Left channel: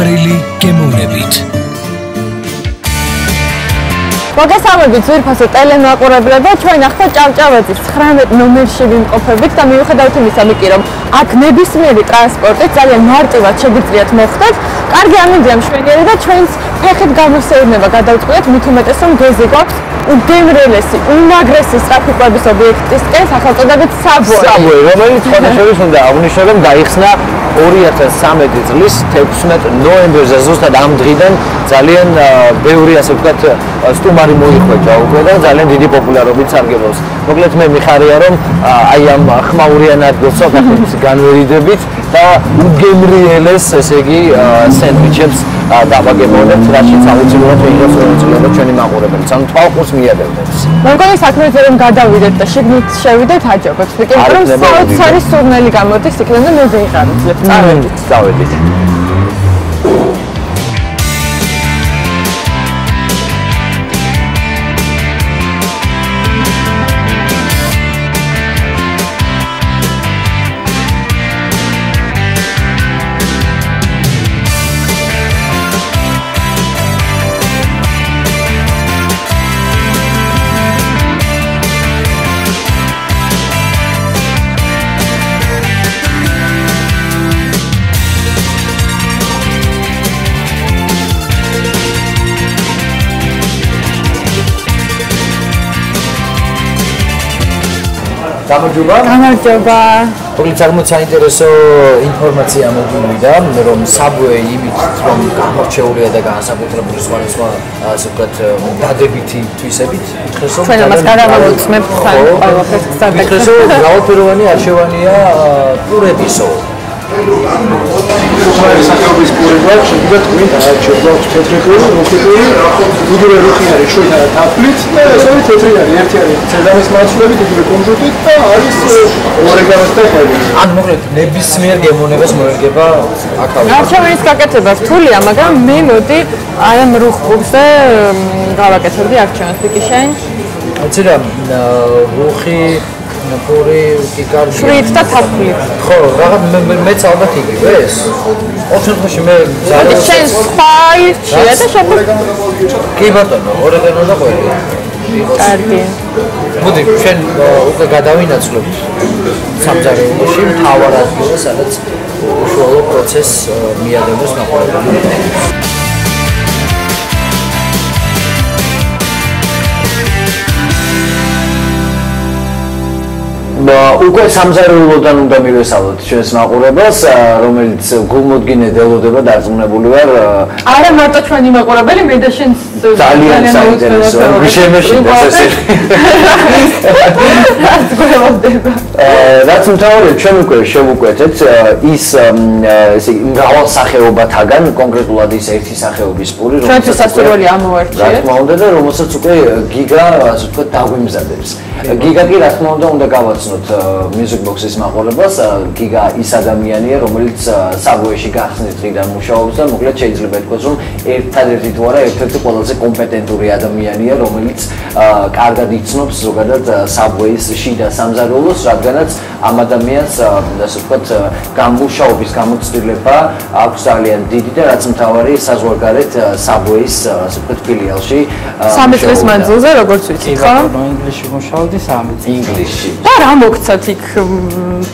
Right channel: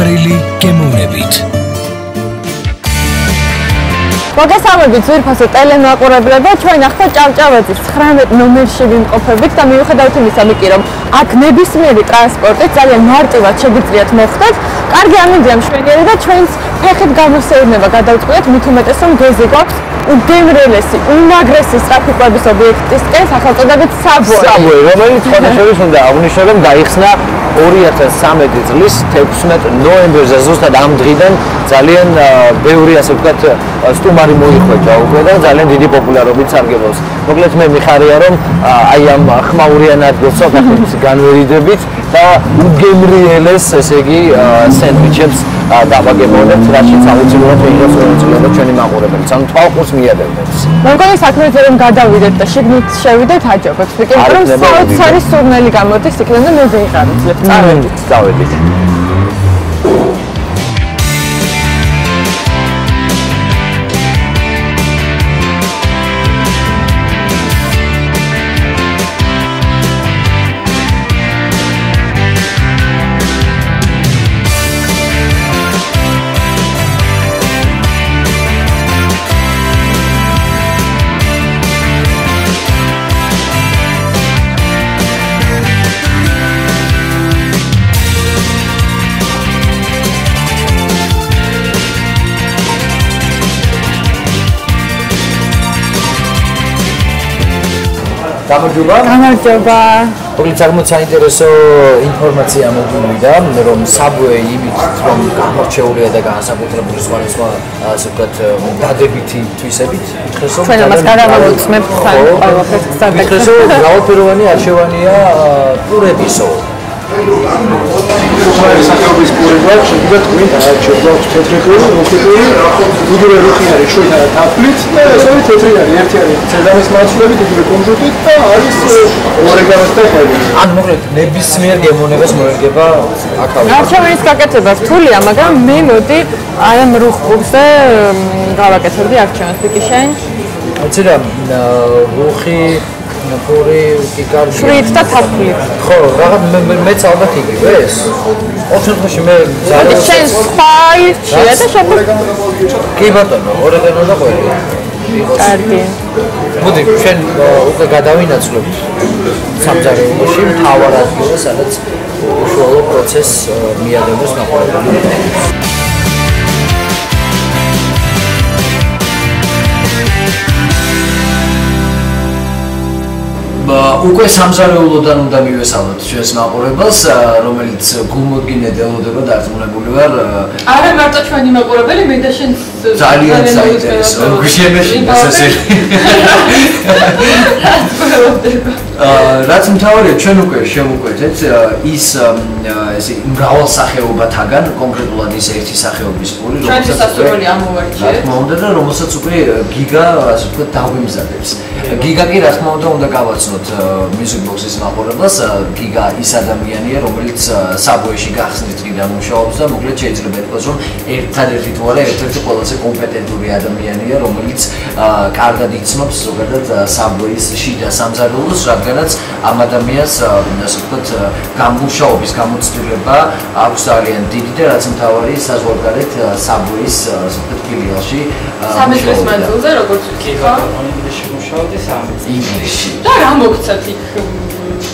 გემრიელი გემოვნებით. მოგესალმებით ძვირფასო ტელემაყურებლებო, ჩვენ ახლა ჭავჭავაძის 19 ნომერში ვიმყოფებით და მიუხედავად იმისა, რომ აქ ნებისმიერი ტრანსპორტი ძალიან მარტივად შეგიძლიათ მოხვდეთ. კარგი ამინდია მშვენიერი და ჩვენს ფეხით გამოსეირნება გადავწყვეტთ, მით უმეტეს რომ გეზი გვაქვს უგემრიელესი, უმაგრესი ტრაფიკების ობიექტისკენ, სახელწოდებით საბუე, რომელიც ხოდაშორის უნდა აღნიშნო, რომ გაიხსნა 2013 წლის 16 ნოემბერზე, ზუსტად ამ დღიდან ძალიან ბევრი, ასე ვთქვათ, სტუმარი მოიხვეჭა უკვე და ძალიან დიდი პოპულარობით სარგებლობს. მოკლედ მე მიხარია, რომ აი ამ ხმაურიან ადგილს სოფლის განვერიდებით და უგემრიელეს, ესე იგი, სენდვიჩებს დავაგებოდეთ, რაშიც აუცილებლად ვიღებთ ჩვენი მაყურებელი, ანუ თვალყურს მიადებდეთ. მე მგონი საქმეზე რომ გადავიდეთ და შიგნით შევიდეთ, აჯობებს. ვიკეთებ რომ საოცარი სურნელი გამოდის იქიდან და მე ვიღარით. წავედით. გამარჯობა. მოკლედ საკმაოდ საინტერესო ინფორმაცია მოგივიდა, რომ საბუე იმით რომ გამორჩეულია და განსაკუთრებული სხვა ასე ვთქვათ დადებითი თვისებით, იხეს რომ ჩვენ ამას გადავამოწმებთ თან ყველაფერს გზადაგ. იხეს რომ მრავალფეროვანი არჩევანია პურებისო. საკუთრის პურება შეიძლება თქვენ დაარჩევთ თეთრებული, რუხი, უდრე რუხი არის შოთა თაფლით და ესეთი თეთრი არის, ერთი არის ცედამის მასშტაბით, უდრე კონჟუტით და არის ორეგანოს და ხელი. ანუ მოკლედ ნებისმიერ გემოვნებას მოერგება აქავე. არჩევანის გაკეთება რთულია, მაგრამ მე მოდი აი ამ რუხ პურზე გავაკეთებდი არჩევანს პიკიშენ. იცი რა, რუხი პური კი კარგია. შვიდ და თაფლით. ხო, რაღაც მეც ალბათ იგივე ეს. ოთხში მე ძალიან შენ სხვა ირჩია და შეფერდ. კი ბატონო, ორეგანო და ყველი. კარგი. მოდი, ჩვენ უკვე გადავინაცვლებთ სამზარეულოში მთავარ ადგილზე, სადაც უშუალო პროცესს მიადევს მაყურებელი. უკვე სამზარეულოდან უნდა მივესალოთ ჩვენს მაყურებელს, რომელიც გულმოდგინედ ელოდება დარწმუნებული ვარ. არა მარტო ჩვენი მაყურებელი, მე და შენ ძალიან საინტერესო. გუშინაშინდა ესე. რაც მთავარია, ჩვენ უკვე შევუკვეთეთ ის ესე მრავალ სახეობათაგან, კონკრეტულად ის ერთი სახეობის პური, რომელიც სასურველი ამოვარჩიეთ. რა თქმა უნდა და რომელსაც უკვე გიგა, ასე ვთქვათ, დაგვიმზადებს. გიგა კი რა თქმა უნდა უნდა გავაცნოთ Music Box-ის მაყურებელს. გიგა ის ადამიანია, რომელიც საბუეში გახსნის დღიდან მუშაობს და მოკლედ შეიძლება ითქვას, რომ ერთადერთი თუ არა ერთ-ერთი ყველაზე კომპეტენტური ადამიანია, რომელიც კარგად იცნობს ზოგადად საბუეის შიდა სამზარეულოს, რადგანაც ამ ადამიანს ასე ვთქვათ გამუშაობის გამოცდილება აქვს ძალიან დიდი და რაც მთავარია საზღვარგარეთ საბუეის ასე ვთქვათ ფილიალში 3 წლის მანძილზე როგორც ვიცი, ხო? ინგლისში მუშაობდი 3 ინგლისში. და რა მოგცათ იქ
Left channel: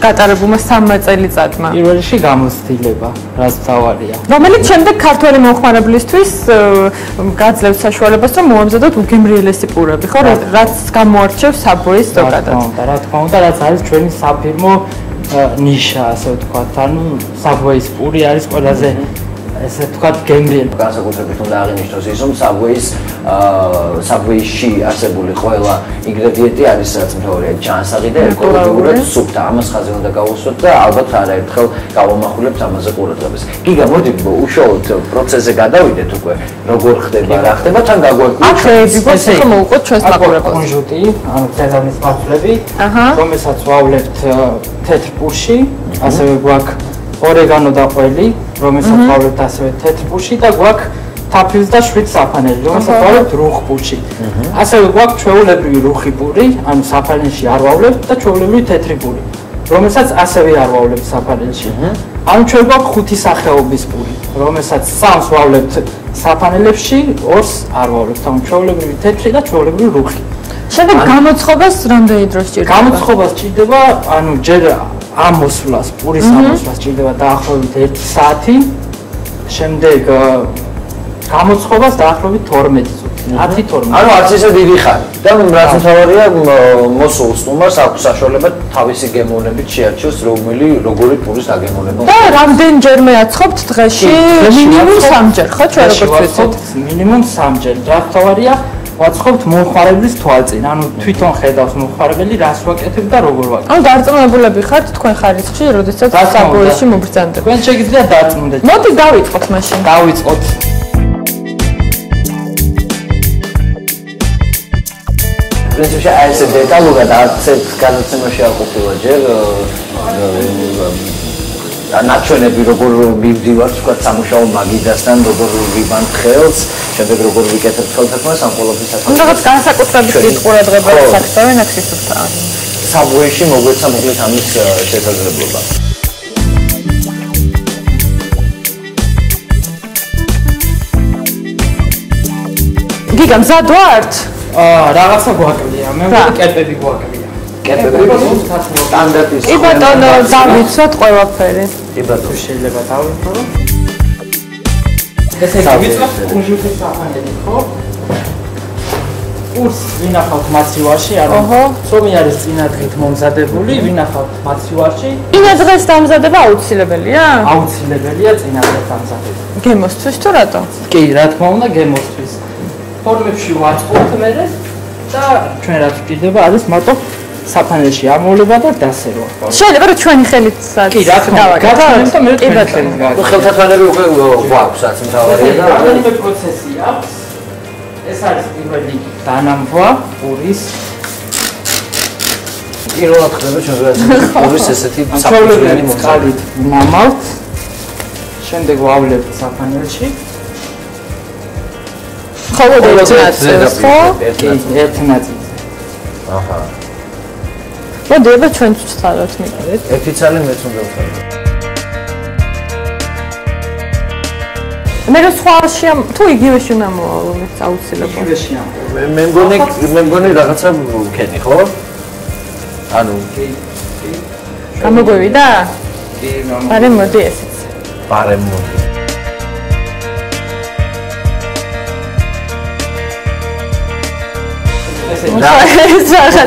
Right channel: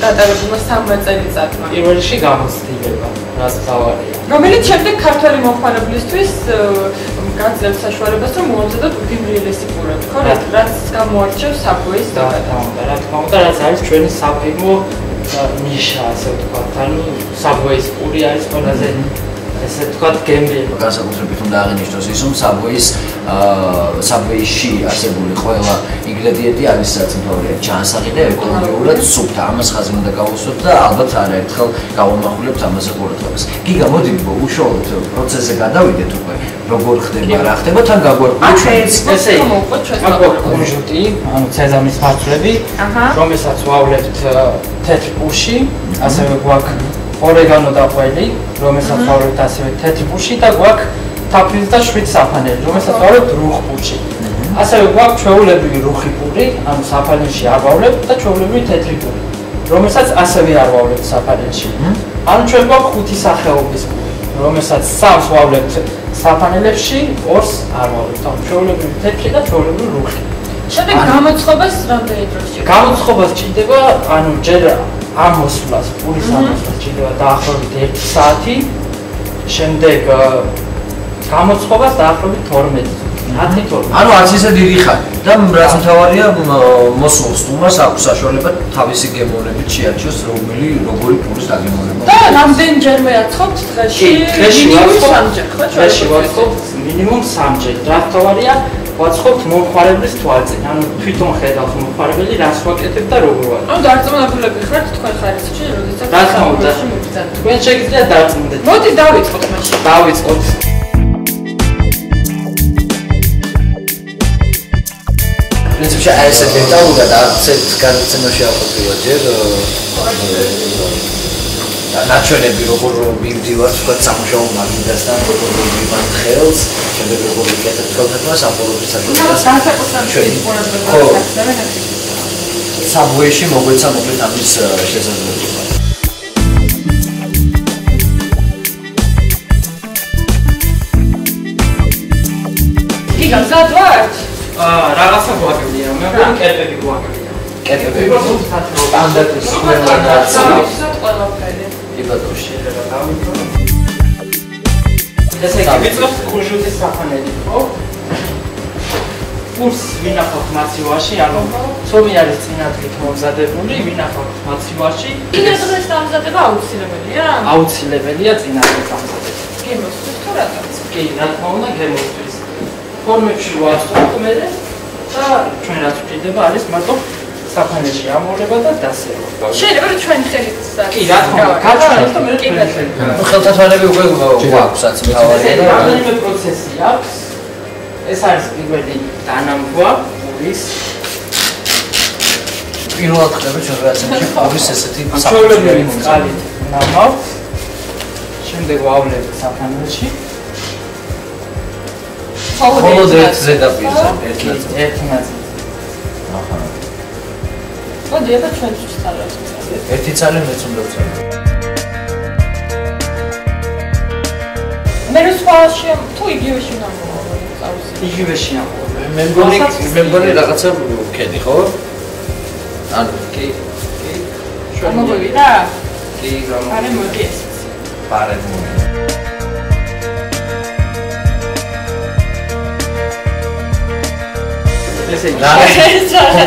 გატარებულმა 3 წელიწადმა? პირველ რიგში გამოცდილება, რაც მთავარია. რომელიც შემდეგ ქართველი მომხმარებლისთვის გაძლევს საშუალებას, რომ მოამზადოთ უგემრიელესი პურები, ხო? რაც გამოარჩევს საბუეის ზოგადად. რა თქმა უნდა, რაც არის ჩვენი საფირმო ნიშა, ასე ვთქვათ. ანუ საბუეის პური არის ყველაზე ესე ვთქვათ გემრიელი. განსაკუთრებით უნდა აღინიშნოს ის, რომ საბუეში არსებული ყველა ინგრედიენტი არის რაც მთავარია ჯანსაღი და ეკოლოგიურად სუფთა. ამას ხაზი უნდა გავუსვათ და ალბათ არაერთხელ გავამახვილებთ ამაზე ყურადღებას. გიგა, მოდი უშუალოდ პროცესზე გადავიდეთ უკვე. როგორ ხდება, რა ხდება, თან გაგვეკვირდეთ. ესე მოვუყოთ ჩვენს მაყურებელს. კონჟუტი, ანუ ცეზამის ფარფლები, რომელსაც ვავლებთ თეთრ პურში, ასევე გვაქვს ორეგანო და ყველი, რომელსაც ვავლებთ ასევე თეთრ პურში და გვაქვს თაფლის და შვიდ საფანელი, რომელსაც ვავლებთ რუხ პურში. ასევე გვაქვს ჩვეულებრივი რუხი პური, ანუ საფანელში არ ვავლებთ და ჩვეულებრივი თეთრი პური, რომელსაც ასევე არ ვავლებთ საფანელში. ანუ ჩვენ გვაქვს 5 სახეობის პური. რომელსაც 3-ს ვავლებთ საფანელებში, 2-ს არ ვავლებთ. ანუ ჩვეულებრივი თეთრი და ჩვეულებრივი რუხი. შემდეგ გამოცხობას რამდენი დრო სჭირდება? გამოცხობა სჭირდება, ანუ ჯერ ამ მოსვლას, პურის ამოსვლას სჭირდება დაახლოებით 1 საათი. შემდეგ გამოცხობას დაახლოებით 12 10-12. ანუ არც ისე დიდი ხანი და რაც მთავარია მოსულ სტუმარს აქვს საშუალება თავისი გემოვნებით შეარჩიოს როგორი პურის დაგემოვნება. და რამდენჯერმე აცხობთ დღეში? მინიმუმ 3-ჯერ, ხო ჩვენ ვაცხობთ მინიმუმ 3-ჯერ. რა მთავარია ვაცხობთ მომხმარებლის თვალწინ, ანუ თვითონ ხედავს მომხმარებელი რას ვაკეთებ და როგორ ვაკეთებ. ანუ დარწმუნებულები ხართ თქვენ ხარისხში, როდესაც საბუეში მოგბრძანდება. თქვენ შეგიძლიათ დარწმუნდეთ. მოდი დავიწყოთ მაშინ. დავიწყოთ. პრინციპში ეს დეტალურად არცერთ განაცემაში არ ყოფილა ჯერ და ნაჩვენები როგორ მივდივართ თქვა სამუშაო მაგიდასთან როგორ ვიბანთ ხელს შემდეგ როგორ ვიკეთებ ხელთქმას ამ ყოველთვის ანუ რაღაც განსაკუთრებით ყურადღება ახსოვენ აქ ისაა. საბუეში მოგვეცა მოკლედ ამის შესაძლებლობა. გიგა მზად ვართ? რაღაცა გვაკეთია, მე მგონი კერპები გვაკეთია. კერპები? სტანდარტული. კი ბატონო, დამიცვათ ყველაფერი. კი ბატონო, შეიძლება დავიმთავრო. ესე იგი, ვიწყებთ კუნჟუტის საფანელი, ხო? ურს ვინახავთ მაცივარში, ანუ ცომი არის წინადღით მომზადებული, ვინახავთ მაცივარში. წინადღეს დამზადება აუცილებელია? აუცილებელია წინადღეს დამზადება. გემოსთვის თუ რატო? კი, რა თქმა უნდა, გემოსთვის. ფორმებში ვაწყობთ მე და ჩვენ რაც ვჭირდება არის მარტო საფანელში ამოვლება და დასერვა. შეიძლება რომ ჩვენი ხელით კი, რა თქმა უნდა, გაჩვენოთ და მე ხელთათმანები უკვე გვაქვს რაც მთავარია და რამდენიმე პროცესი აქვს. ეს არის პირველი დანამბვა პურის. პირველად ხდება ჩვენ პურის ესეთი საფუძველი მოწყალით ნამავთ. შემდეგ ვავლებთ საფანელში. ხოლო ერთი ნაწილი. აჰა. მოდი აბა ჩვენ ვცხოვრობთ მიყავით. ერთი წალი მეც უნდა ვცხოვრობ. მე რო სხვა თუ იგივეში უნდა მოვავლინოთ აუცილებლად. იგივეში მე მგონი რაღაცა ვქედი, ხო? ანუ კი. გამოგვივიდა? კი, არე მოდი ესეც. პარემო.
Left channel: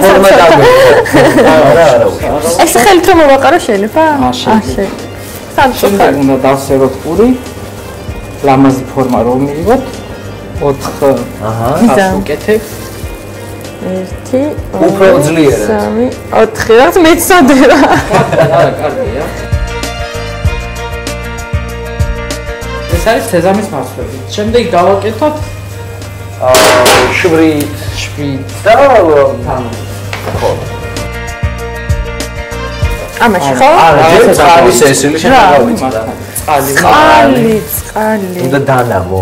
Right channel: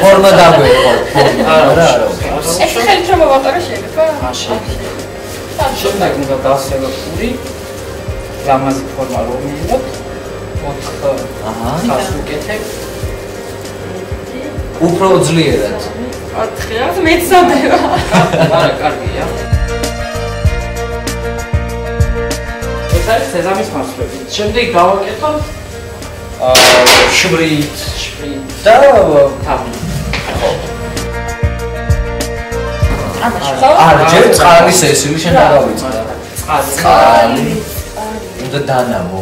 ფორმა დამეყო. არა. ეს ხელით რომ მოვაყარო შეიძლება? შეიძლება. შემდეგ უნდა დავსეროთ პური. ლამაზი ფორმა რომ მივიღოთ 4 ვუკეთებ. 1 უფრო ძლიერად. 3 4 რაც მეცოდე რა. არა, კარგია. ეს არის სეზამის მასვები. შემდეგ გავაკეთოთ შვრით და თამ. ამაში ხო? არა, ჯერ წყალის ესილი შეგავიწდა. წყალი. უნდა დანამო.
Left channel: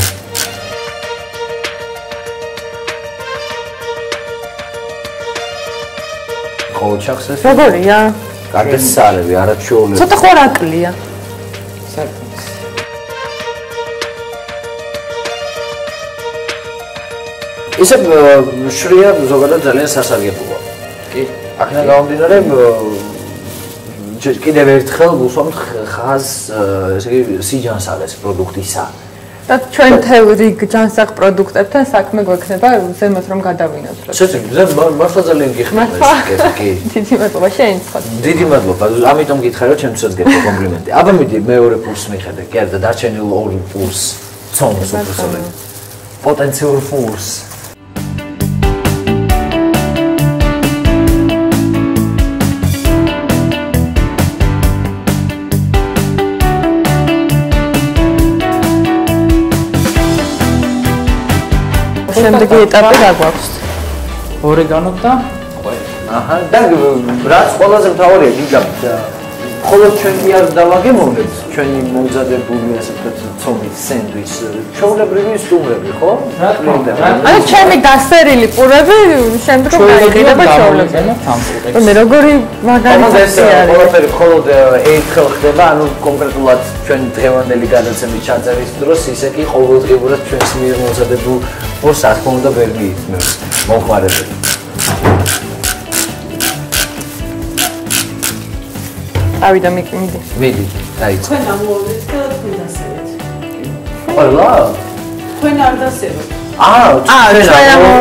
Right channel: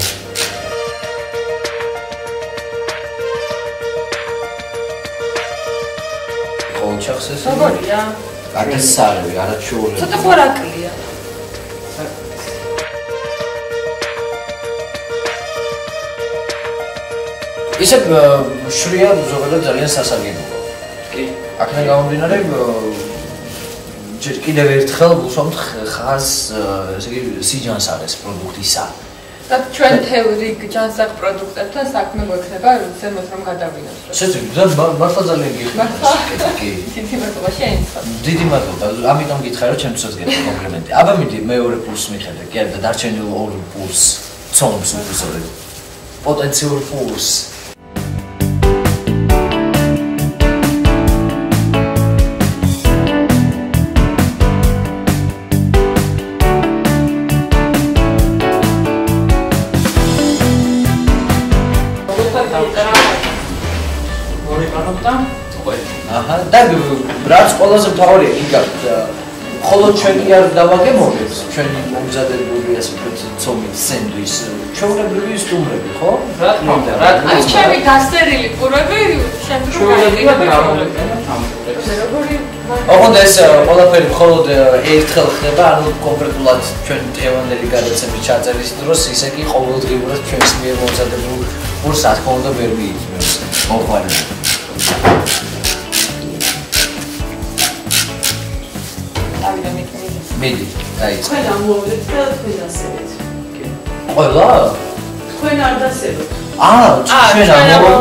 ყოველჩახს ეს როგორია? კარგი სარევი, არა ჩაოლები. ცოტა ხო რაკლია. ისე შვრია ზოგადად ძალიან სასარგებლოა. კი. აქედან გამომდინარე კიდევ ერთხელ ვუსვამთ ხაზს, ესე იგი სიჯანსაღეს პროდუქტისა. და ჩვენ თევრი ჯანსაღ პროდუქტებთან საქმე გვექნება ზემოთ რომ გადავინოთ. მართლა ძალიან გიხმართ. კი. დიდი მადლობა შეინახოთ. დიდი მადლობა. ამიტომ გითხარი რომ ჩემთვისაც გეტყვი კომპლიმენტი. აბა მიდი მეორე პულს მიხედე. კი არა და დარჩენილ ორ პულს ცომს უბრალოდ. პოტენციურ პულს. შემდეგი ეტაპი რა გვაქვს? ორეგანო და აჰა, და რაც ყველაზე მთავარია, გიგა ხოლო ჩვენ კი არ დავაგემოვნებთ ჩვენი მომზადებული ასე ვთქვათ ცომის სენდვიჩს ჩვეულებრივი სტუმრები ხო? აი ჩემი დასერილი პურები შემდგომ გაიყიდება ჩვეულებრივი. მე როგორი მაგარი ოღონდ ეს ყველაფერი მხოლოდ ერთხელ ხდება, ანუ კონკრეტულად ჩვენ დღევანდელი გადაცემის ჩაწერის დროს ისე კი ყოველდღიურად ჩვენს მიერ მომზადებულ ორს რა თქმა უნდა ვერ მიიწმევს მოხმარებელს. ავიდა მიდი. მიდი, დაიწყე. თქვენ ამოვიდეთ და თქვენ ასევით. ყველა? თქვენ არ დასევით. ჩვენ ამო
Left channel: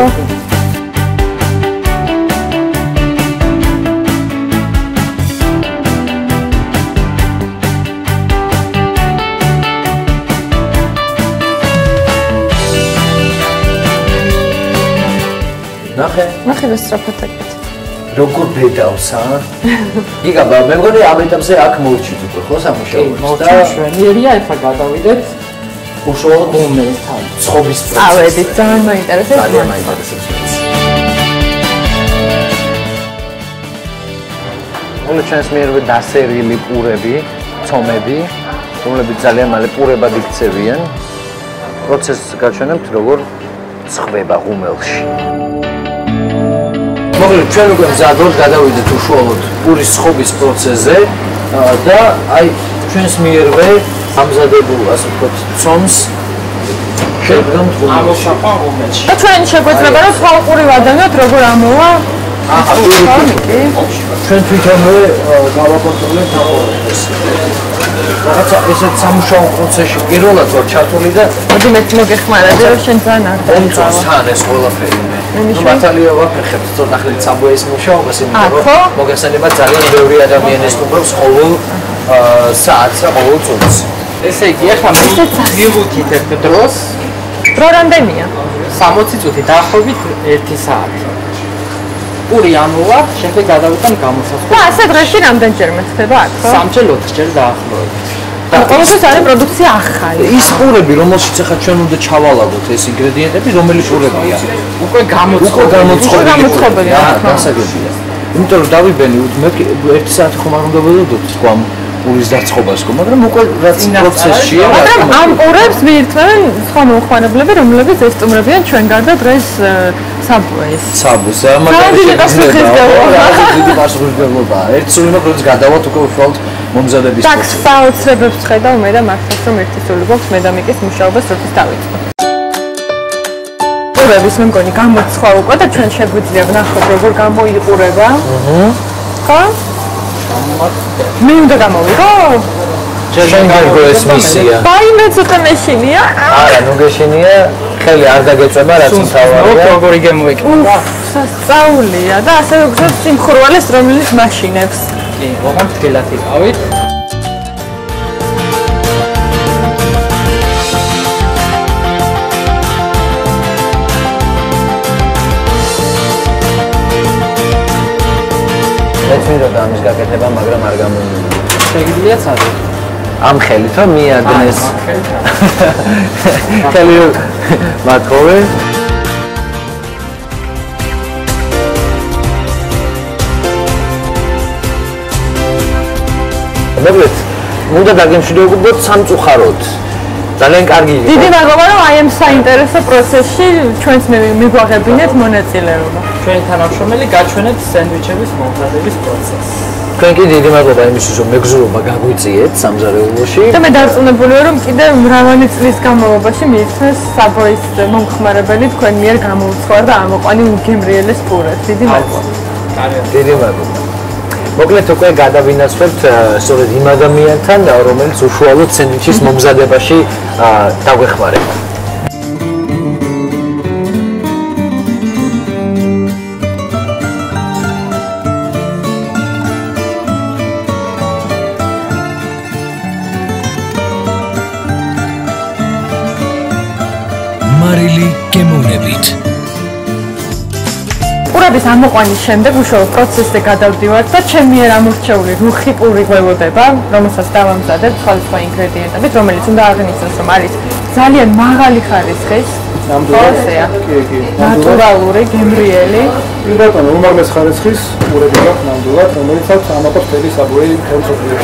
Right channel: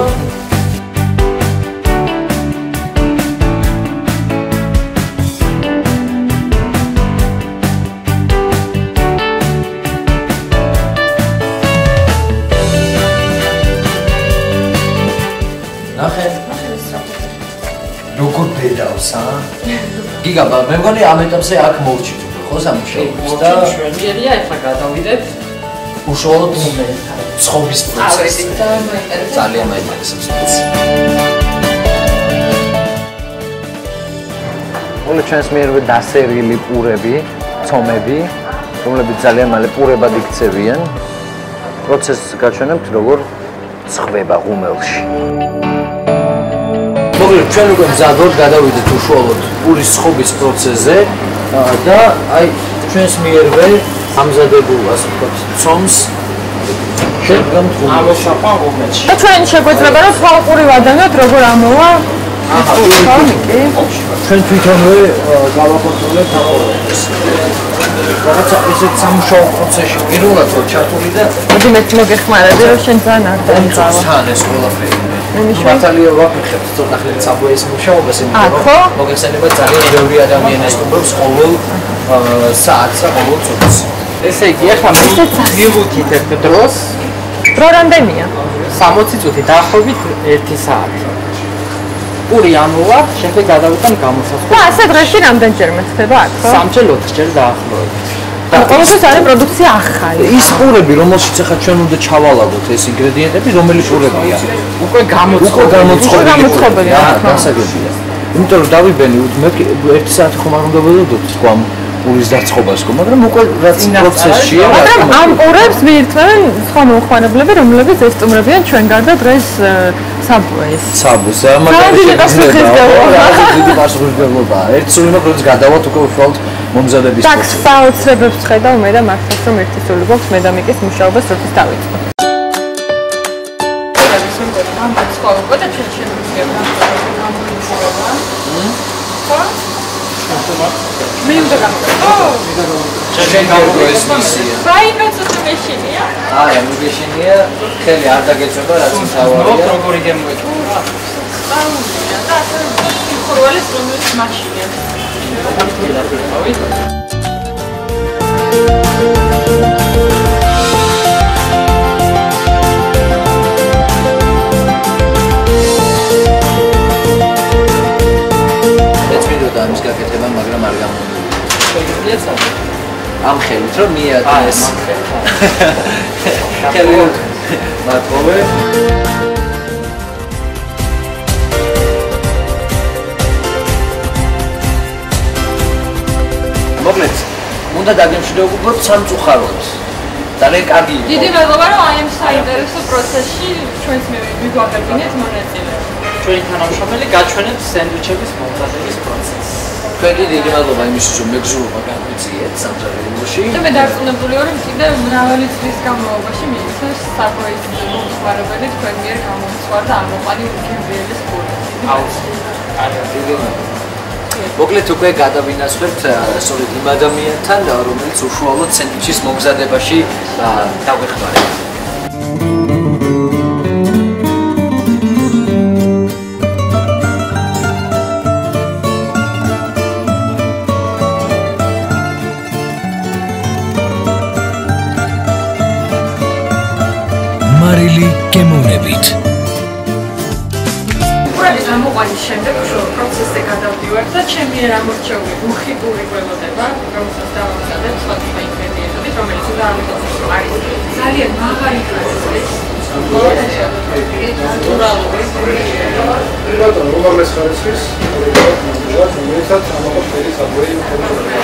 ნახე სწრაფად. როგორ ბედავს, გიგა, მე მგონი ამ ეტაპზე აქ მოვჩით უკვე, ხო, სამუშაოებს და შვენიერია, ეხლა გადავიდეთ უშუალოდ უმეთან ცხობის პროცესს. ავედით, ძალიან მაინტერესებს. ძალიან მაინტერესებს. მოლე ჩვენს მიერვე დასერილი პურები, ცომები, რომლებიც ძალიან მალე პურებად იქცევიან. პროცესს გაჩვენებთ, როგორ ცხდება ღუმელში. მოკლედ ჩვენ უკვე მზად ვართ გადავიდეთ უშუალოდ პურის ცხობის პროცესზე და აი ჩვენს მიერვე ამზადებულ ასე ვთქვათ ცომს შევდგამთ ღუმელში. და ჩვენ შეგვეძლება რომ ხალხური ვადანოთ როგორ ამოვა ჩვენ თვითონვე გავაკონტროლებთ ეს. რაღაცა ესეთ სამუშაო პროცესში პირველად ვარ ჩართული და მოდი მე მოგეხმარები რომ შენ ძალიან არ დაიხავა. თან ეს ყველაფერი. ბატალია ვაფრთხებთ ცოტა ხნით საბოის მუშაობას, იმიტომ რომ მოგესალმება ძალიან ბევრი ადამიანი სტუმრობს ყოველ საათს და ყოველ წუთს. ესე იგი, ახლა მივუთით ერთ დროს. დრო რამდენია? 60 წუთი, დაახლოებით 1 საათი. პური ამოვა, შემდეგ გადავიტან გამოსასვლელს. და ასე დღეში რამდენჯერმე ხდება აქ, ხო? 3-4 დაახლოებით. და ყოველთვის არის პროდუქცია ახალი. ის პურები, რომელშიც ახლა ჩვენ უნდა ჩავალაგოთ ეს ინგრედიენტები, რომელი პურებია? უკვე გამოცხობილი. დასაგებია. იმიტომ რომ დავიბენი, მე 1 საათი ხომ არ უნდა ველოდოთ თქვა პურის დაწყობას, მაგრამ უკვე რაც პროცესშია. მაგრამ ამ პურებს მიირთმევენ სხვა მომხმარებლები, რომლებიც ესტუმრებიან ჩვენ გარდა დღეს საბუეს. საბუს, მაგრამ დიდი პასუხისმგებლობა. ერთ სულ იმას როდის გადავალთ უკვე უშუალოდ მომზადების პროცესში. ტაქს საოცრებებს ხედავ მე და მართლაც რომ ერთი სული გვაქვს მე და მიკის მუშაობას როდის დავიწყო. პურების მე მგონი გამოცხვა უკვე და ჩვენ შეგვიძლია ვნახოთ როგორ გამოიყურება. ხო? მე უნდა გამოვიდო? ჩვენ გერგო ეს მისია. ბაინო ცოტა მეშინია? არა, ნუ გეშინია, ხელი არ დაგეწება, რაც მთავარია. როგორი გემოიკიდა? სწავლია და ასევე გზობს სიმხურვალეს რომელიც მაშინებს. კი, ოღონდ თილად იყავით. და ამის გაკეთება, მაგრამ არ გამომივიდა. შეგიძლიათ ასე. ამ ხელით რომ მიადნეს. ხელი მათხოვე. მოკლედ, უნდა დაგემშვიდობოთ სამწუხაროდ. ძალიან კარგი იყო. დიდი მადლობა რომ აი ამ საინტერესო პროცესში ჩვენს მიგვაღებინეთ მონაწილეობა. ჩვენი თანამშრომელი გაჩვენებს სენდვიჩების მომზადების პროცესს. თქვენ კი დიდი მადლობა იმისთვის რომ მეგზურობა გაგვიწიეთ სამზარეულოში. და მე დარწმუნებულია რომ კიდევ მრავალი წლის განმავლობაში მიიქცეს საბოის მომხმარებელი თქვენ მიერ გამოუცხარ და ამოყვანი უგემრიელეს პურებს. დიდი მადლობა. დიდი მადლობა. მოკლედ უკვე გადავინაცვლებთ სწორედ იმ ადამიანთან, რომელიც უშუალოდ სენდვიჩის მომზადებაში დაგვეხმარება. მარილი გემოვნებით. პურების ამოყვანის შემდეგ უშუალოდ პროცესზე გადავდივართ და ჩემი მიერ ამორჩეული რუხი პური გვევოდება, რომელსაც დავამზადებ სხვადასხვა ინგრედიენტებით, რომელიც უნდა აღინიშნოს, რომ არის ძალიან მაღალი ხარისხის, ნატურალური, გემრიელი. ბატონო, უმაღლეს ხარისხის მურებელად ნამდვილად, რომელიცაც ამაყობს მთელი საბური ხელმძღვანელი.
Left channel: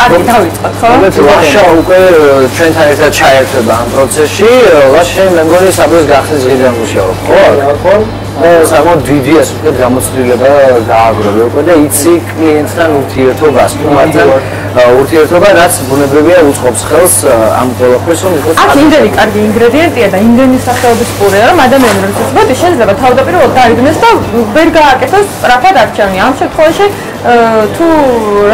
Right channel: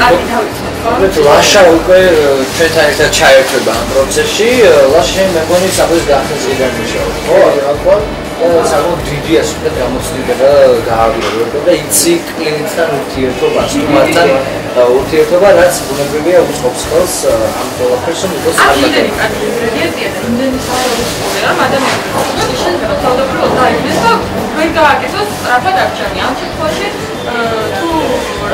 კარგი დავიწყოთ, ხო? ლაშა უკვე ჩვენთან ერთად ჩაერთვება ამ პროცესში. ლაშა მე მგონი საბურის გახსნის დღიდან მუშაობ, ხო? ხო? საკმაოდ დიდი ასე ვთქვათ გამოცდილება გააგრძელა უკვე და იცი კლიენტთან ურთიერთობას, თუმცა ურთიერთობა რაც ბუნებრივია უწყობს ხელს ამ ყველაფერს რომ იყოს აქ იმდენი კარგი ინგრედიენტია და იმდენი სახეობის პურეა რომ ადამიანი რომ მოდი შეიძლება თავდაპირველად დაიგნეს და ვერ გააკეთოს სწრაფად არჩევანი. ამ შემთხვევაში თუ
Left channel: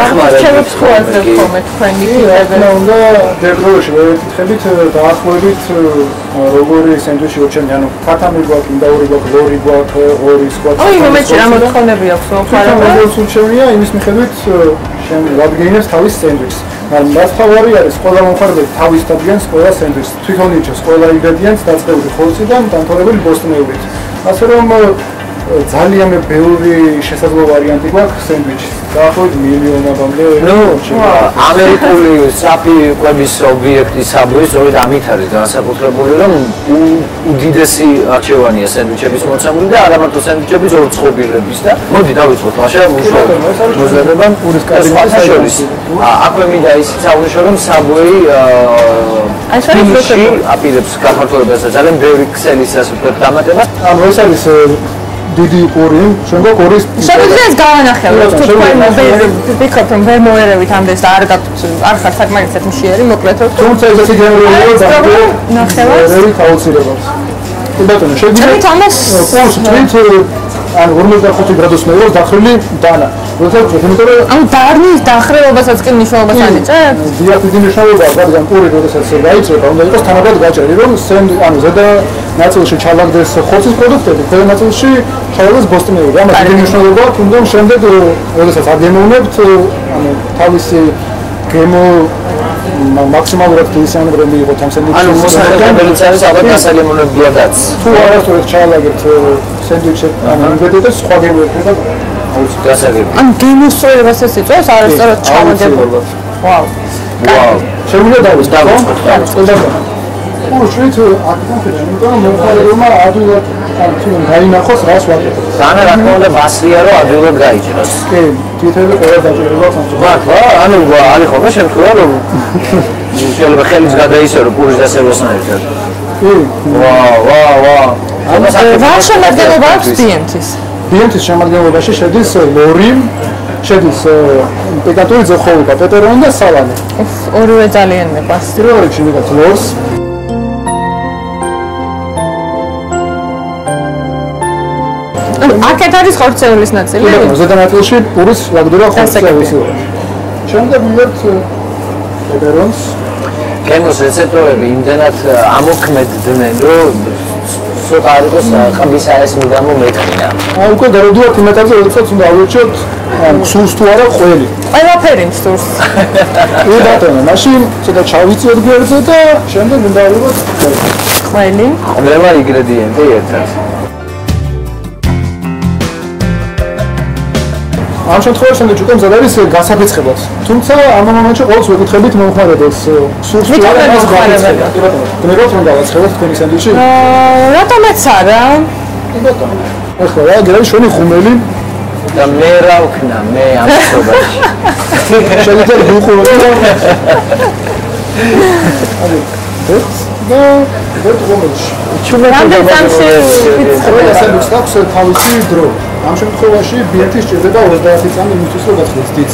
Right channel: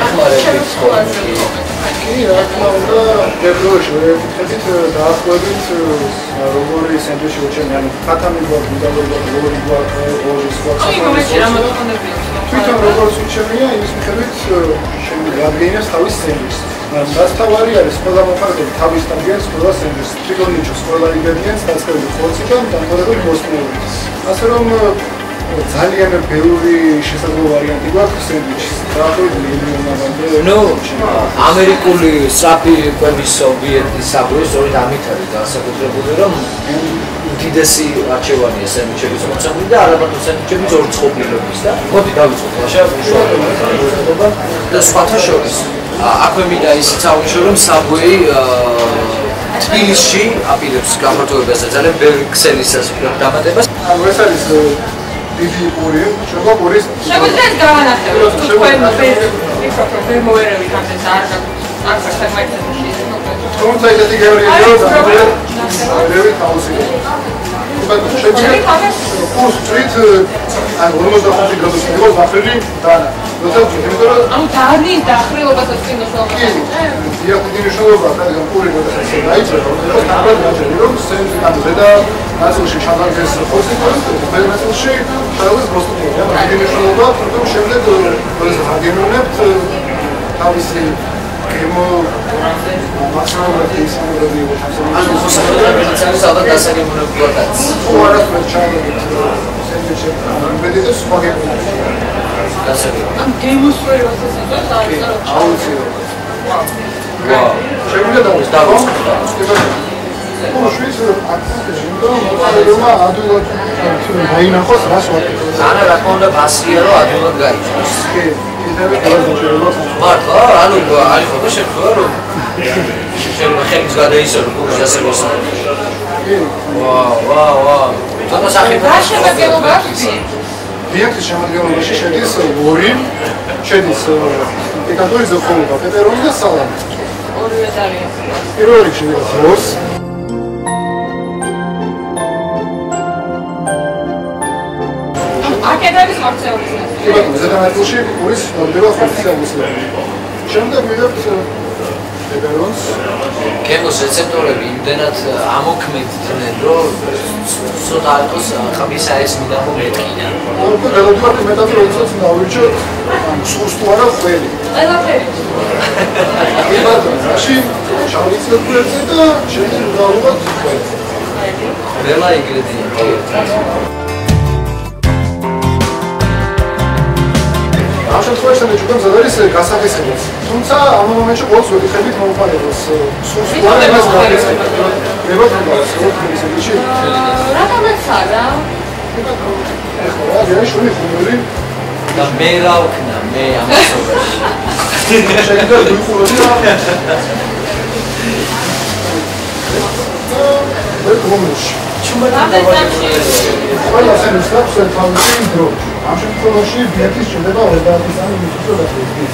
რაღაც შევებს ხوازებ ხოლმე თქვენი და დებროში ვეკითხებით დაახლოებით როგორი სენდვიჩი უჩვენე, ანუ ფათამი გვაქვს, მინდაური გვაქვს, ლორი გვაქვს, ორის გვაქვს. ოი მომენტში რა მოთხოვნები აქვს ხარება? როგორც უჩვენია, იმის მიხედვით რადგენებს თავის სენდვიჩს. მაგრამ დასთავარი არის ყველა მომხარებელი თავის დადგენს ყველა სენდვიჩს. თვითონ იჩენს ყველა ინგრედიენტს დაწყებული ხორციდან დამთავრებული ბოსტნეულით. ასე რომ ძალიან ბევრი შესაძლებელი ვარიანტი გვაქვს სენდვიჩის. დაახლოებით მილიონამდე. ამერიკული საფი კვების ობიექტი საბურის სწორედ ამით არის განსაკუთრებული, რომ უდიდესი არჩევანია სენდვიჩების მოცემული და არა მარტო სენდვიჩების ორწყობილების და მოდი დავიწყოთ ლაშა მუშაობა სხვათა შორის. აქვე მინდა ისიც აღნიშნო, რომ საბუეი ფილში აპირებს გაფართოებას და ძალიან ბევრი ქსელის ასე ვთქვათ დამატებას. ეს არის დიდი პური, შემდგომ პურის შეგვიძლია ეს გავანახებოთ, თუ თქვენ ვფიქრობთ, რომ ვერ მოერევით ამდენს არ ხარ საკმაოდ მნიშვნელოვანი მოკლედ. თუმცა ეს ისე გემრიელია და ნახევარს რევით აუცილებლად. ბატონო, შეგვიძლია თამას პურს თვით ან 45 გრადუსმეერով დახრილი დანა. როდესაც იმიტომ რომ ანუ დარნის დახრილობასაც კი მნიშვნელობას ანიჭებ? დიახ, დიდი მნიშვნელობაა, რადგან პური როდესაც გაიჭრება, უნდა იყოს თანაბრად გაჭრილი, რომ ანუ ზედა ნაწილში ჩავაგდეს ხორცის პროდუქტები, ზედა ნაწილში ჩავაგდეს ბოსტნეული. ამას დიდი მნიშვნელობაა, თუმცა შემდეგ როდესაც აგემოვნებთ, ანუ თავისი გემო მაქსიმალურად ისამბრები იყო თამსენიჩი. ანუ მოსახლეობელიც არის ალბათ დასაგემოვნებიადაც. თუ არასდროს ჩავაგეთ სენდვიჩი, ანუ ინგრედიენტებს სხვა გემოები და გასაგებია. ან გემოსწორებასაც იწვევს არასწორად ჩავაგებულობა. ვაუ. ვაუ. შემიძლია დავიწყოთ. უშვით აკცენტი, იმიტომ რომ მოხალხეობა ადვილად დაინახოს რას ვაკეთებ. ანუ რა თქმა უნდა ბასია რომ ადვილად გაიჭროს. კი, თითები ყველა დაჭერება. მართლა? ანუ არის ხოლმე შემთხვევა რომ შეიძლება ხელის გადაისერო პურის დასევასთან. კი. ვაუ. რა შემადგენლობა აქვს დიენტის? დიენტის შემადგენლობაში შედის ლორი, შედის პეტატური ზოხოულობა, პეპერონი და სალამი. ორივე ძალიან მეყვარს. პირველ რიგში ვიღაც ლორს. აქეთ არის ხორცეულის ნაწილი? ზედა ნაწილში პურის ვაგდურა ხორცეულისი. შემდეგ ვიღებთ პეპერონს. გემოს რეცეპტორები იმდენად ამოქმედდნენ, რომ ცოტა არ იყოს ყბის აეს მიდამო მეტყინა. ან უკვე გადავდივართ მეტალზე, როდესაც უნდა ავირჩიოთ სურს თუ არა ყველი. ყველაფერი სურს. კი ბატონო, მაშინ ცოტა ჩავიწევთ გვერდზე და შემდეგ უნდა ავიღოთ ყველი. ყველი. ყველა ინგრედიენტი ერთად. ამ შემთხვევაში სანდვიჩი უკვე მზად არის გასაფეცხებად. თუმცა ამ მომენტში ყოველს ვეკითხებით მომხმარებელს სურს თუ არა მას გავაცხადოთ. გნებოთ რომ გავაცხადოთ თქვენი სანდვიჩი? რატომაც არა? ახლა რა არის შენი ხუმელი? და მე რა ვქნა, მე ამ სოფაში. შეიძლება ვიყუროთ და რამდენი წამში ყველასთვის აქვს თავისი დრო. ამ შემთხვევაში ბიეტი სჭირდება 30 წამი იმისთვის რომ გასვლის დიც.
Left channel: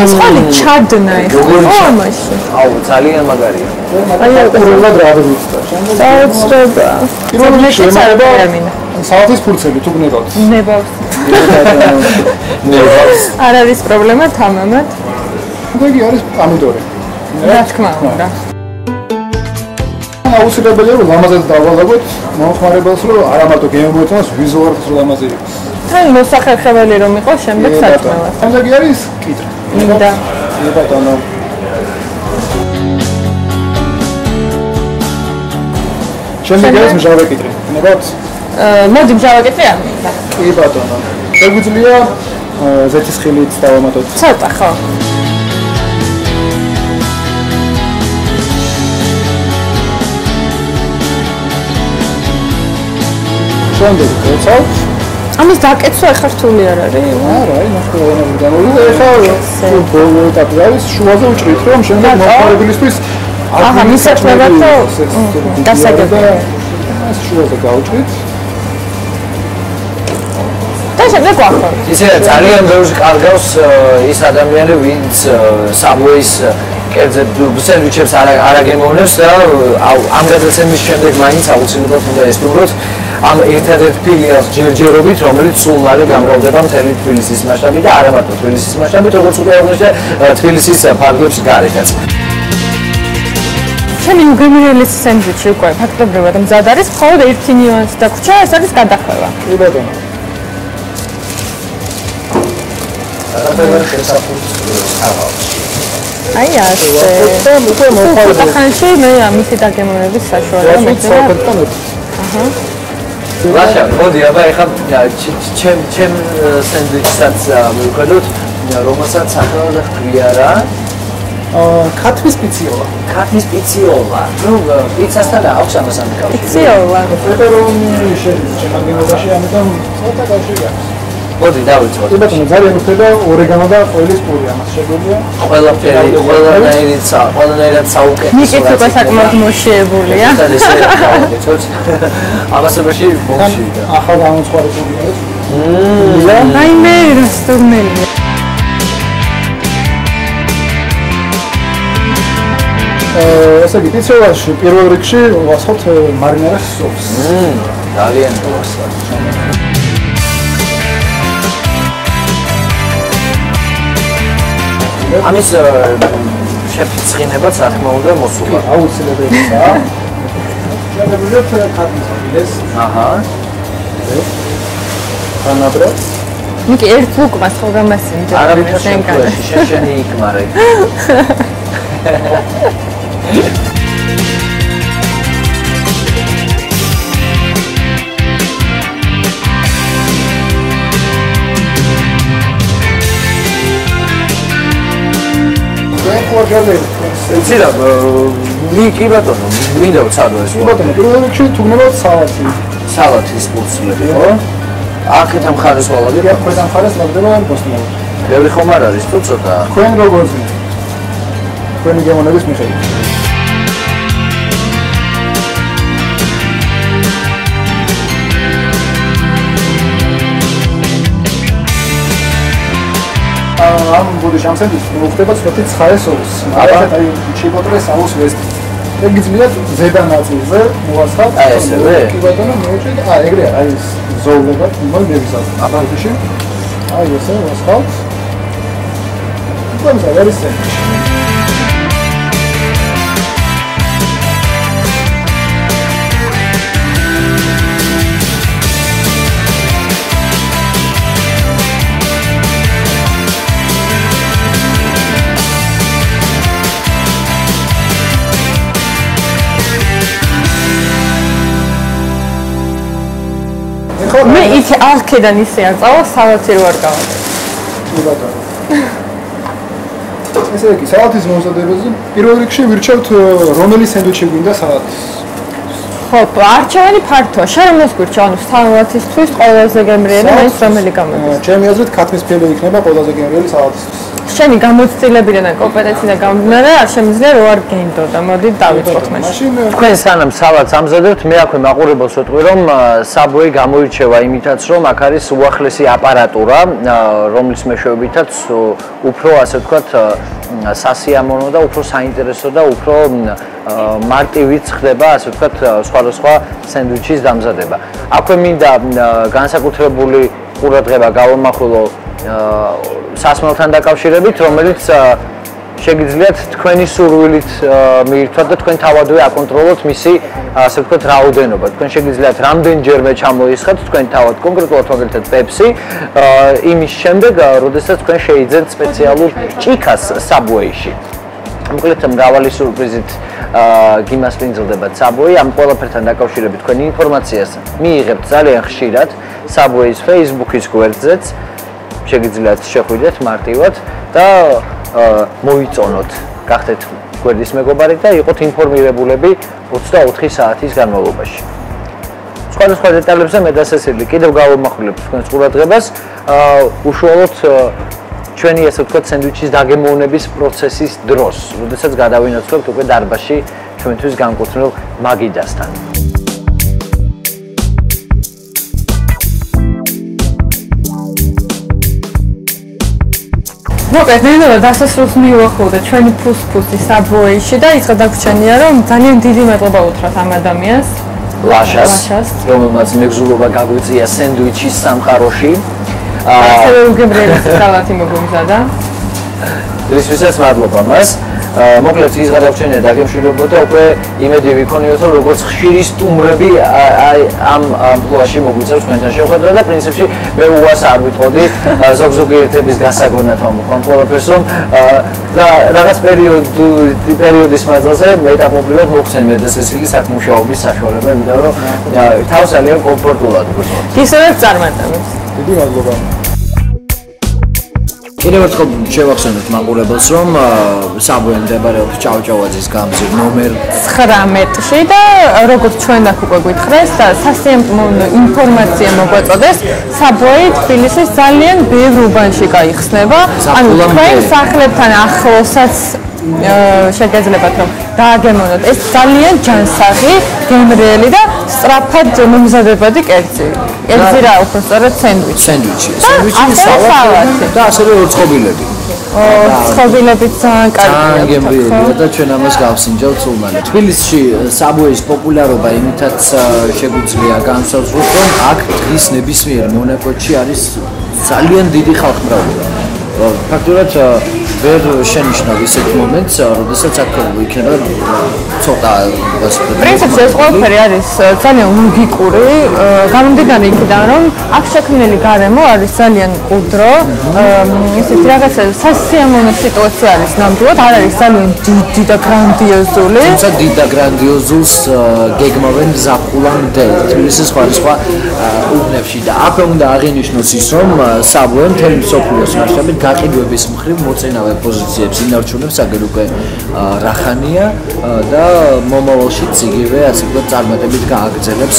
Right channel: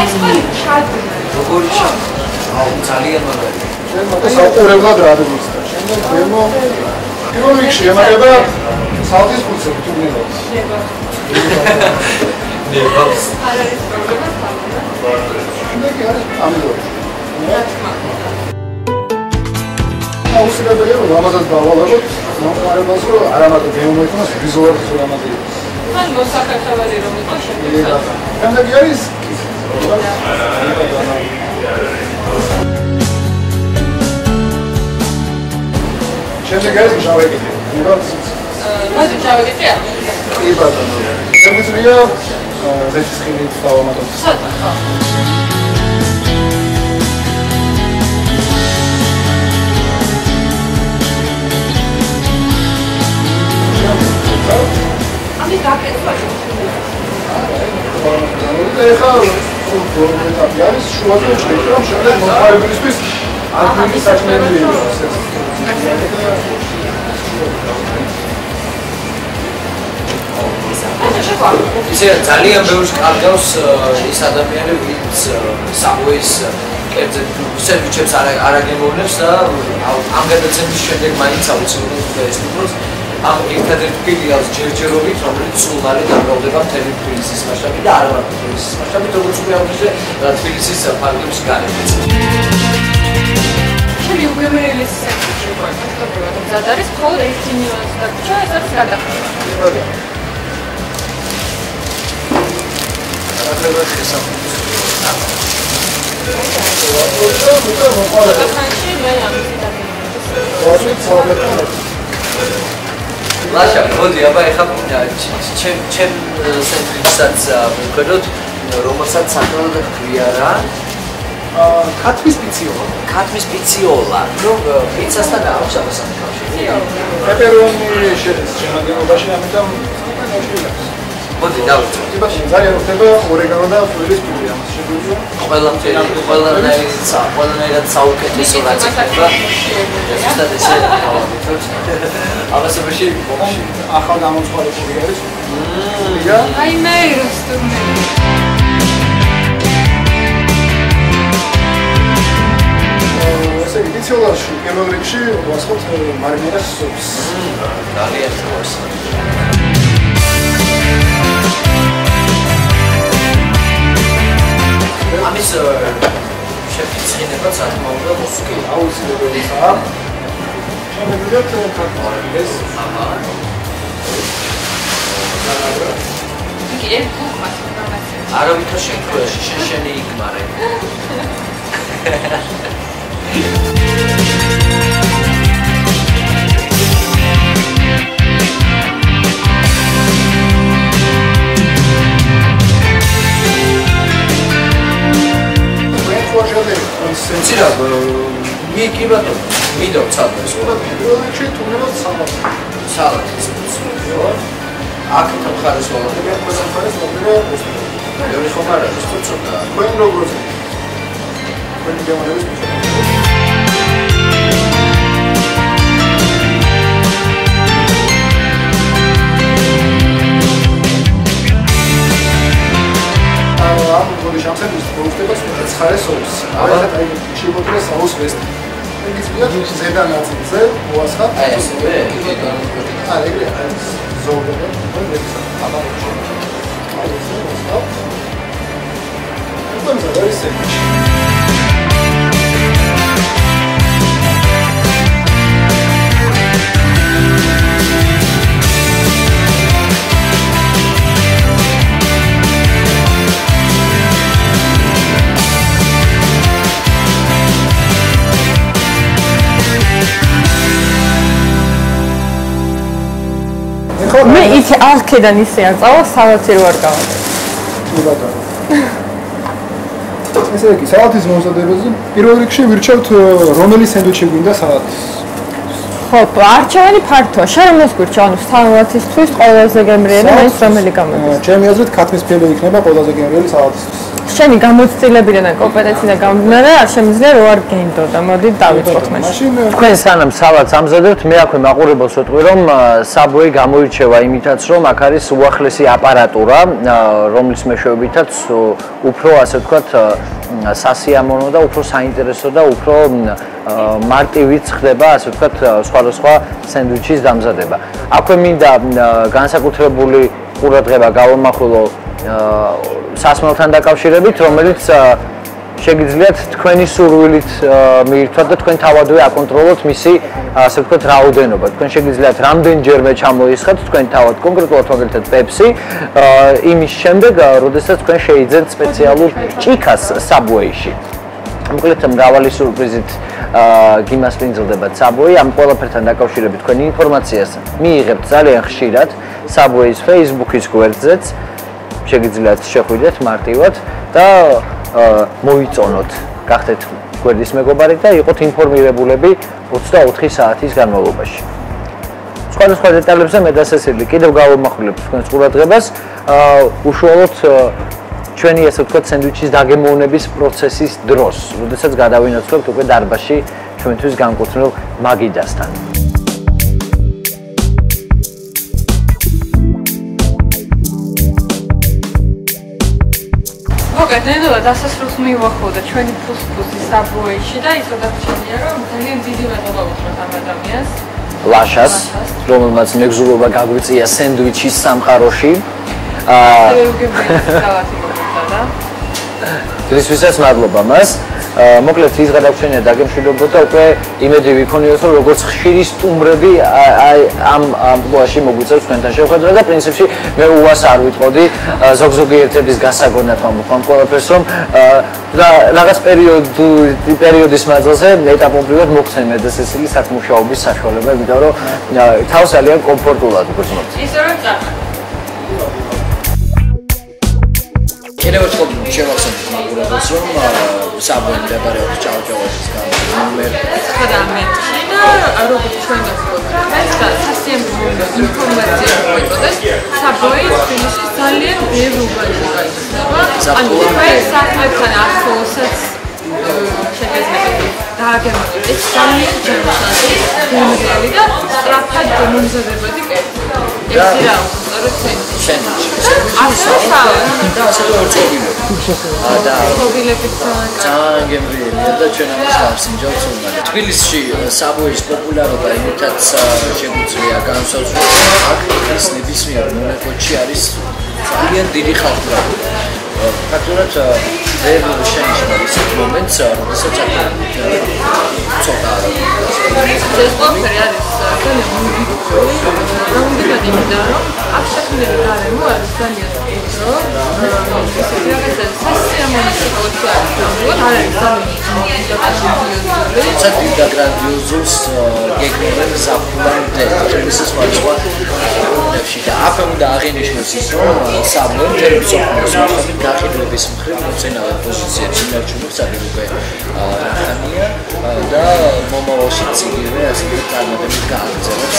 ეს ხალი ჩადნა ეს. ამაში. აუ, ძალიან მაგარია. აი უყურებდა რა არის და დაწყება. პირველ რიგში ემართება საათის ფურცელი თუ გნებავთ. ნებავს. ნებავს. არ არის პრობლემა თამამად. მეგი არის პომიდორი. რა თქმა უნდა. აუცილებელია რომ ამაზეც დავალებოთ მომხმარებელს რომ არა მარტო გემოეთოს ვიზუალურად რომ ამაზე იყოს. თან მოსახერხებელი რომ იყოს შემდეგ საჭმელად. ამაზე არის კითხვა. და ბატონო. შემდეგ არის მჟავე კითხვა. მოგაც მოდი გავაკეთე? კი ბატონო. შეგვიძლია ზეთის ხილით დავამატოთ. ცოტა ხო. აკეთო ახლა რთული არ არის? არა, ეხლა ბოლო ეტაპი არის, შუაზე ვჭრით, რომ შემდეგ მოხარებილისთვის აჰა, მისაწყებად და დასაგებია. შუაზე გავჭრით. და შემდეგ ვახორ. ისე ძალიან ბევრს კარგავს ის ადამიანი, ვინც Subway-ის კერძე სენდვიჩებს არ აგემოვნებს და ამ გადაცემის შემდეგ მაინც აუცილებლად უნდა ესწროთ ამ ერთადერთ ფილიალს ჯერჯერობით, რომელიც სულ არის გამოვდება მთელი თბილისის მასშტაბით და არა მარტო თბილისის მასშტაბით, როგორც უკვე აღნიშნე, თბილისის ფარგლებს გარეთაც. ჩემი უგემრიელესი სენდვიჩი უკვე ფაქტობრივად მზად არის, მხოლოდ ერთი ნიუანსი დაგვრჩა, ეს არის გადახვევა. კი ბატონო. აი ასე. ხანში მე ამით დაგემოვნების საშუალებას აჰა. ლაშა, მოდი, აბა ეხლა ჩემ სენდვიჩსაც მივხედოთ, რომელსაც სახელად ჰქვია რა? ქათმის პიციოლა. ქათმის პიციოლა. ნუ პიცასთან აქვს ამასთან კავშირი. პიციოლა. პეპერონი შედის შემადგენლობაში, ამიტომ ცოტა კავშირი აქვს. მოდი დავიწყოთ. კი ბატონო, ძალიან უხდება ორეგანო და ყველის პური ამას შეგვიძლია. ყველანაირად საუკეთესო. ნიკით უკვე საკმაოდ მოშიებულია. ამასობაში ბოლში. ახალ გამოცხადებული არის. აი მე რესტურნელი. ესე იგი, პიციოლაში პირველ რიგში ვასხობთ მარინარას სოფს. ძალიან 좋았어. ამის შეფიცხინებაც რა თქმა უნდა მოსულა. აუცილებელია. შემიძლია ეს აჰა. განაბრა. ნიკი ერთ უკმას ხო გამასინჯა. არა ვიცი შენი იქმარე. იცი რა, კი ბატონო, მინდა ვცადო ეს. კი ბატონო, პირველ რიგში თუნდაც სალატი. სალატის პურცლები, ხო? აქეთ ამ ხარეს ვალავი. ახლა ამ ხარეს ლაგდება მოსმენად. ბევრი ხომ არ არის, თუ ცოტა. თქვენ როგორც თქვენი გემოვნების მიხედვით. ამ გულის ამსების მოხდება ცოტა ცხარე სოუსი. არა აი შეგოტრეს აუს ვესტი. ეგიძლიათ ზედა ნაწილზე მოასხავთ. აი ესევე? კი ბატონო, აი ეგრე არის ზოლება, იმაგრებსა. აბანში. აი ესე მოასხავთ. ყველგან არის ეს. მე იცი არქედან ისე არ წავალ სალათი რო არ გავაკეთე. კი ბატონო. ესე იგი, სალათის მომზადებაზე პირველ რიგში ვირჩევთ რომელი სენდვიჩი გვინდა სალათის. ხო, არჩევანი ფართოა. შენ რომელს გვირჩევ? ანუ სალათისთვის ყველაზე გემრიელი მაინც რომელი გამოდის? ჩემი აზრით ქათმის ფილი იქნება ყველაზე გემრიელი სალათისთვის. შენი გამოცდილებიდან და კომპეტენციიდან გამომდინარე არ შემიძლია რო არ გენდო და მოდი დავიწყოთ მაშინ. თქვენ სანამ სალატს ამზადებთ, მე აქვე მაყურებელს ვეთქვი, რომ Subway გამოირჩევა იმითაც, რომ აქ არის უახლესი აპარატურა, რომლის მეშვეობითაც უფრო ასე ვთქვათ სასიამოვნო და უფრო საინტერესო და უფრო მარტივიც ხდება, ასე ვთქვათ, სხვადასხვა სენდვიჩის დამზადება. აქვე მინდა განსაკუთრებული ყურადღება გავამახვილო სასმელთან დაკავშირებით, რომელიც შეგიძლიათ თქვენი სურვილით მიირთვათ და თქვენ თავადვე აკონტროლოთ მისი, ასე ვთქვათ, რაოდენობა. თქვენ შეგიძლიათ რამდენჯერმე ჩამოისხათ თქვენ თავად კონკრეტულად მაგალითად Pepsi, იმის შემდეგ, როდესაც თქვენ შეიძენთ სპეციალურ ჭიქას Subway-ში. მოკლედ მრავალი სურპრიზით გიმასპინძლდება Subway, ამ ყველაფერთან დაკავშირებით თქვენ ინფორმაციას მიიღებთ ძალიან ხშირად Subway-ის Facebook-ის გვერდზეც. შეგიძლიათ შეხვიდეთ მარტივად და მოიწონოთ, გახდეთ გვერდის მეგობარი და იყოთ ინფორმირებულები 24 საათის განმავლობაში. სხვადასხვა დეტალებზე მე დასასრული კიდევ გავამახვილებ თქვენს ყურადღებას. უშუალოდ ჩვენი ასე ვთქვათ სენდვიჩის დაგემოვნების პროცესის დროს, როდესაც გადავინაცვლებთ უკვე დარბაზში ჩვენთვის განკუთვნილ მაგიდასთან. მოგეცნიერო დასასრულს მივახოდე ჩვენი ფუსფუსი საბოეში და ის გადაგვრჩენია რომ ძალიან დიდი მადლობა უთხრათ ამ ადამიანს ლაშას რომელმაც მეგზურობა გაგვიწია სენდვიჩის სამყაროში უგებრელი სალატი მოგვიზადა ისვისაც მადლობა მას მოკლედ ის გადაგვრჩენია დაგემშვიდობოთ და უკვე იმედი ვიქონიოთ რომ როგორც ხშირი სტუმრები ამ ამპლუაში მოგვიწევს თქვენთან შეხვედრა და პრინციპში მე უას არ ვიტყოდი ზოგ-ზოგიერთების გასაგონად მომხდარ ყველაფერს რომ რაღაც პერიოდის მანძილზე მეტაპობრივად მოგცენ მე დასასრული საქმუშაობის საშუალება იმიტომ რომ თავს ძალიან კომფორტულად ვგრძნობ ისევე წარმატებით დიდი მადლობა კიდევ ერთხელ შევახსენოთ მაყურებელს რომ საბოე მდებარეობს ჭავჭავაძის გამზირ ნომერ 19-ში და როგორც ჩვენ აქ უკვე გითხრეს და სასიამოვნო ინფორმაცია მოგვაწოდეს საბოე თბილისის ძალიან ბევრ უბანში გაიხსნება ანუ თქვენ სახლებთან ახლოსაც შეგეძლებათ რომ დააგემოვნოთ ეს ძალიან ჯანსაღი, გემრიელი და სწრაფად მომზადებადი კერძი. კერძი რა უფრო სწორად სენდვიჩი. სალატი და ასევე ურწყობილები. ურწყობილებიც კარგია. გემრიელი და ჩვენ ამას გავსინჯავთ უმალე. თბილისში საბოეის პოპულარობა იმითაც შეგვიძლია განსაზღვროთ რომ აქ ის ნებისმიერ მონაკვეთში არის ძალიან დიდი ხალხმრავლობა. ფაქტურად ვერ შენიშნავ ისეთ მომენტს, როდესაც აქ იქნება ცოტა პრინციპში ეს ყველაფერი არის ძალიან ლოგიკური, გამომდინარე იქიდან, რომ აქ შექმნილი გარემო არის ძალიან უდრო, ისეთი რაღაცა სასიამოვნო სიტუაცია არის ნამდვილად, არ არის ძალიან დიდი და გრანდიოზული. თუმცა დიდ და გრანდიოზულს გეგმავენ ზაფხულამდე თბილისის სხვადასხვა უბნებში და აქ უნდა აღინიშნოს ის, რომ საბოე მთელი მსოფლიოს მოხდებით გაყიდვების მხრივ მოწინავე პოზიციებს ინარჩუნებს აგერ უკვე რახანია და მომავალში ციგივე ასე ვთქვათ წარმატებით გააგრძელებს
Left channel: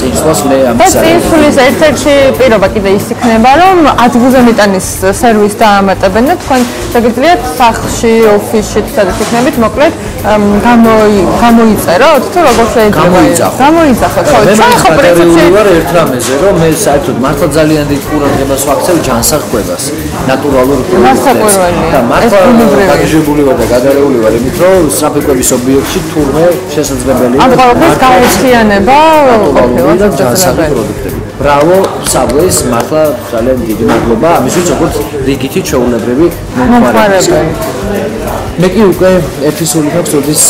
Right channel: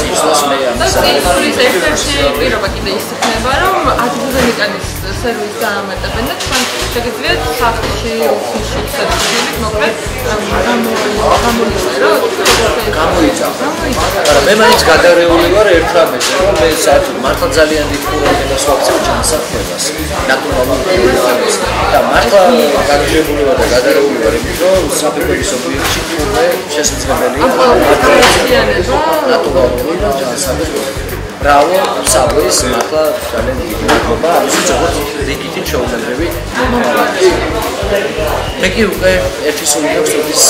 წინსვლას მე ამას წინსვლის ერთ-ერთი პირობა კიდე ის იქნება რომ ადგილზე მიტანის სერვისს დაამატებენ და თქვენ შეგიძლიათ სახლში, ოფისში სადაც იქნებით მოკლედ გამოიწეროთ თუ როგორ შეიძლება გამოიძახოთ მე მაინც გადარეული ვარ ერთ რამეზე რომ მე საერთოდ მართლა ძალიან დიდ ყურადღებას ვაქცევ ჯანსაღყვებას ნატურალურ და მართლა გადაჟებული ვარ და გადარეული ვარ იმით რომ საფრთხების ობიექტში თურმე შესაძლებელია ამ ყველაფერს გაუჩიანება ნატურალური და ჯანსაღი პროდუქტები ბრავო საბოეს მართლა ძალიან დიდი მადლობა ამისთვის როგორც რიგითი ჩვეულებრივი მომხმარებელი მე კი უკვე ერთი სული მაქვს როდის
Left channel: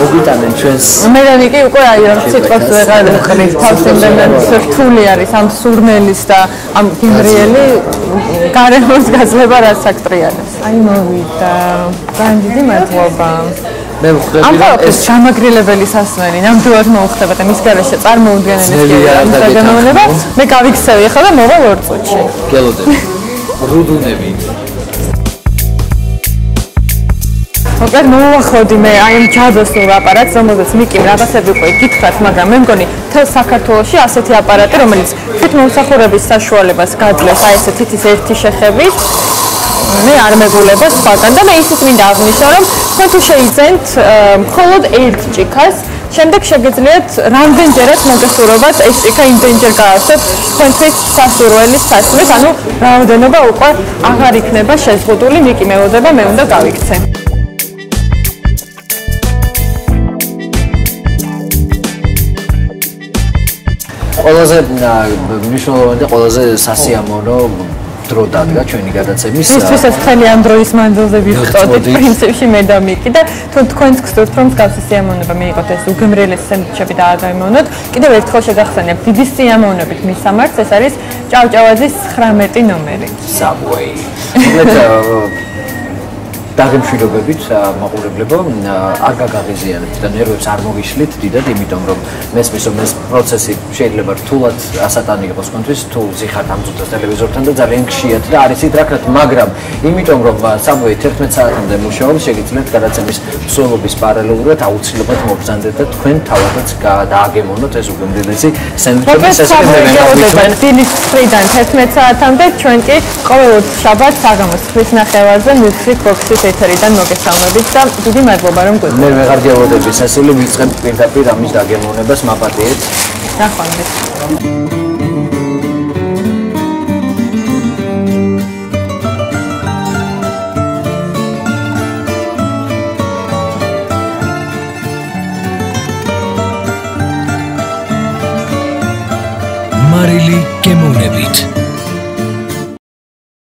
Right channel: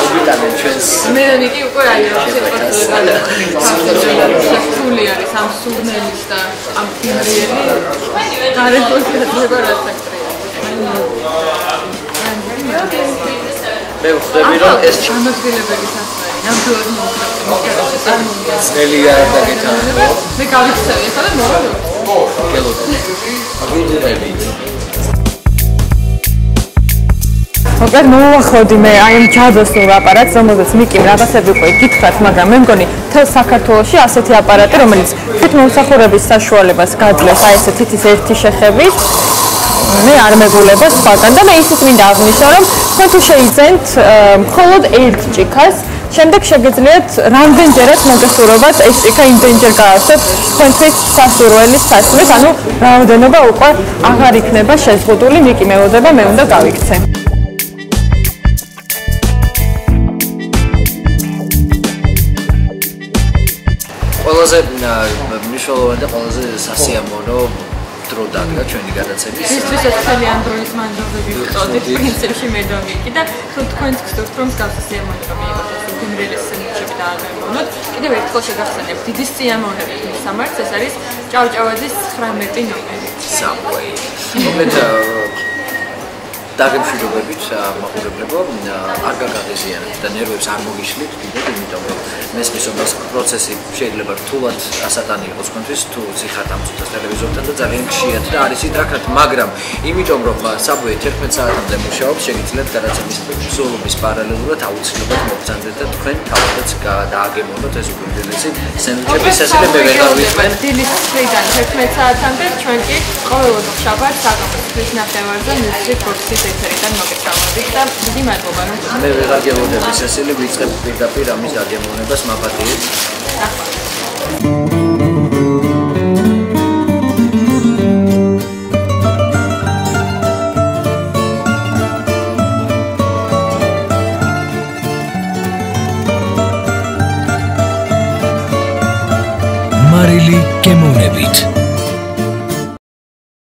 მოგვიტანენ ჩვენს მე კი უკვე აი ამ სიტყვას ვეღარ ვიყრის თავს იმდენად სრთული არის ამ სურნელის და ამ გიმრიელი გარემოს გაზრება რაც აქ ტრიალის აი მოვიდა დიდი მადლობა მე ვხვდები რომ ეს ჩამაგრილებელი სასმელი ნამდვილად მოუხდება და მის გარეშე წარმოუდგენელი მე გავიქცევი ახლა და მოვა 2 წუთში გელოდე რუდუნები მოკლედ მოვახოდი მე აი ამ ჯადოსნურ აპარატს, რომელზეც მიკიმ რაღაცები უკვე გითხრათ, მაგრამ მე მგონი მთელ საქართველოში ასეთი აპარატი, რომელიც თვითმომსახურების საშუალებას გაძლევს აი ესე თითის ერთი შეხებით, მე არ მეგულება სხვაგან და მე ისიც მინდა აღნიშნო, რომ თქვენ თუ შეიძენთ მხოლოდ ერთ ჭიქას, შემდეგ შეგიძლიათ რამდენჯერაც მოგესურვებათ ეს ჭიქა იმდენჯერ გააცოთ თქვენთვის სასურველის სასმის, ანუ რაოდენობა უკვე აღარ იქნება შეზღუდული, მიკი მელოდება, მე უნდა გავიქცე. ყველაზე მნიშვნელოვანი და ყველაზე სასიამოვნო დრო დადგა ჩვენი გადაცემის. ის ეს ძალიან დროის მანძილზე ვიხტოდით პრინციპში მე და მიკი და თუ თქვენს გსურთ რომ მსგავსი სიამოვნება მიიღოთ ეს უგემრიელესი სენდვიჩები დააგემოვნოთ. კიდევ ერთხელ შეგახსენებთ დიდი სიამოვნებით მისამართს ეს არის ჭავჭავაძის 19 ნომერი. საბოე. მოკლედ დაგემშვიდობებით მაყურებლებო, არ გაგაღიზიანებთ და ნერვებს არ მოგიშლით დიდად, იმიტომ რომ მესმის რომ ეს პროცესი შეიძლება რთულად ასატანი იყოს თქვენთვის, თუ ზიხართ ამ წუთას ტელევიზორთან და ძალიან ხშირად და არის იდრაკრათ, მაგრამ იმიტომ რომ Subway 11 საათამდე მუშაობს, შეგიძლიათ გადაცემის მსვლელობის პარალელურად აუცილებლად მოგზანდეთ და თქვენ თავადაც დააგემოვნოთ ეს უგემრიელესი სენდვიჩის ესპერიმენტი. დილის 9-დან 11 საათამდე ჩვენ კი ყოველ შაბათს საღამოს 9:30-ზე Music Box-ის ეთერიდან მოგესალმებით და დიდი მადლობა რომ გვიყვართ. მე ვეღარ გეუბნები სასილი ვიწყებთ პირდაპირ ამის დაგემოვნებას მაპატიეთ. ნახვამდის. მარილი გემოვნებით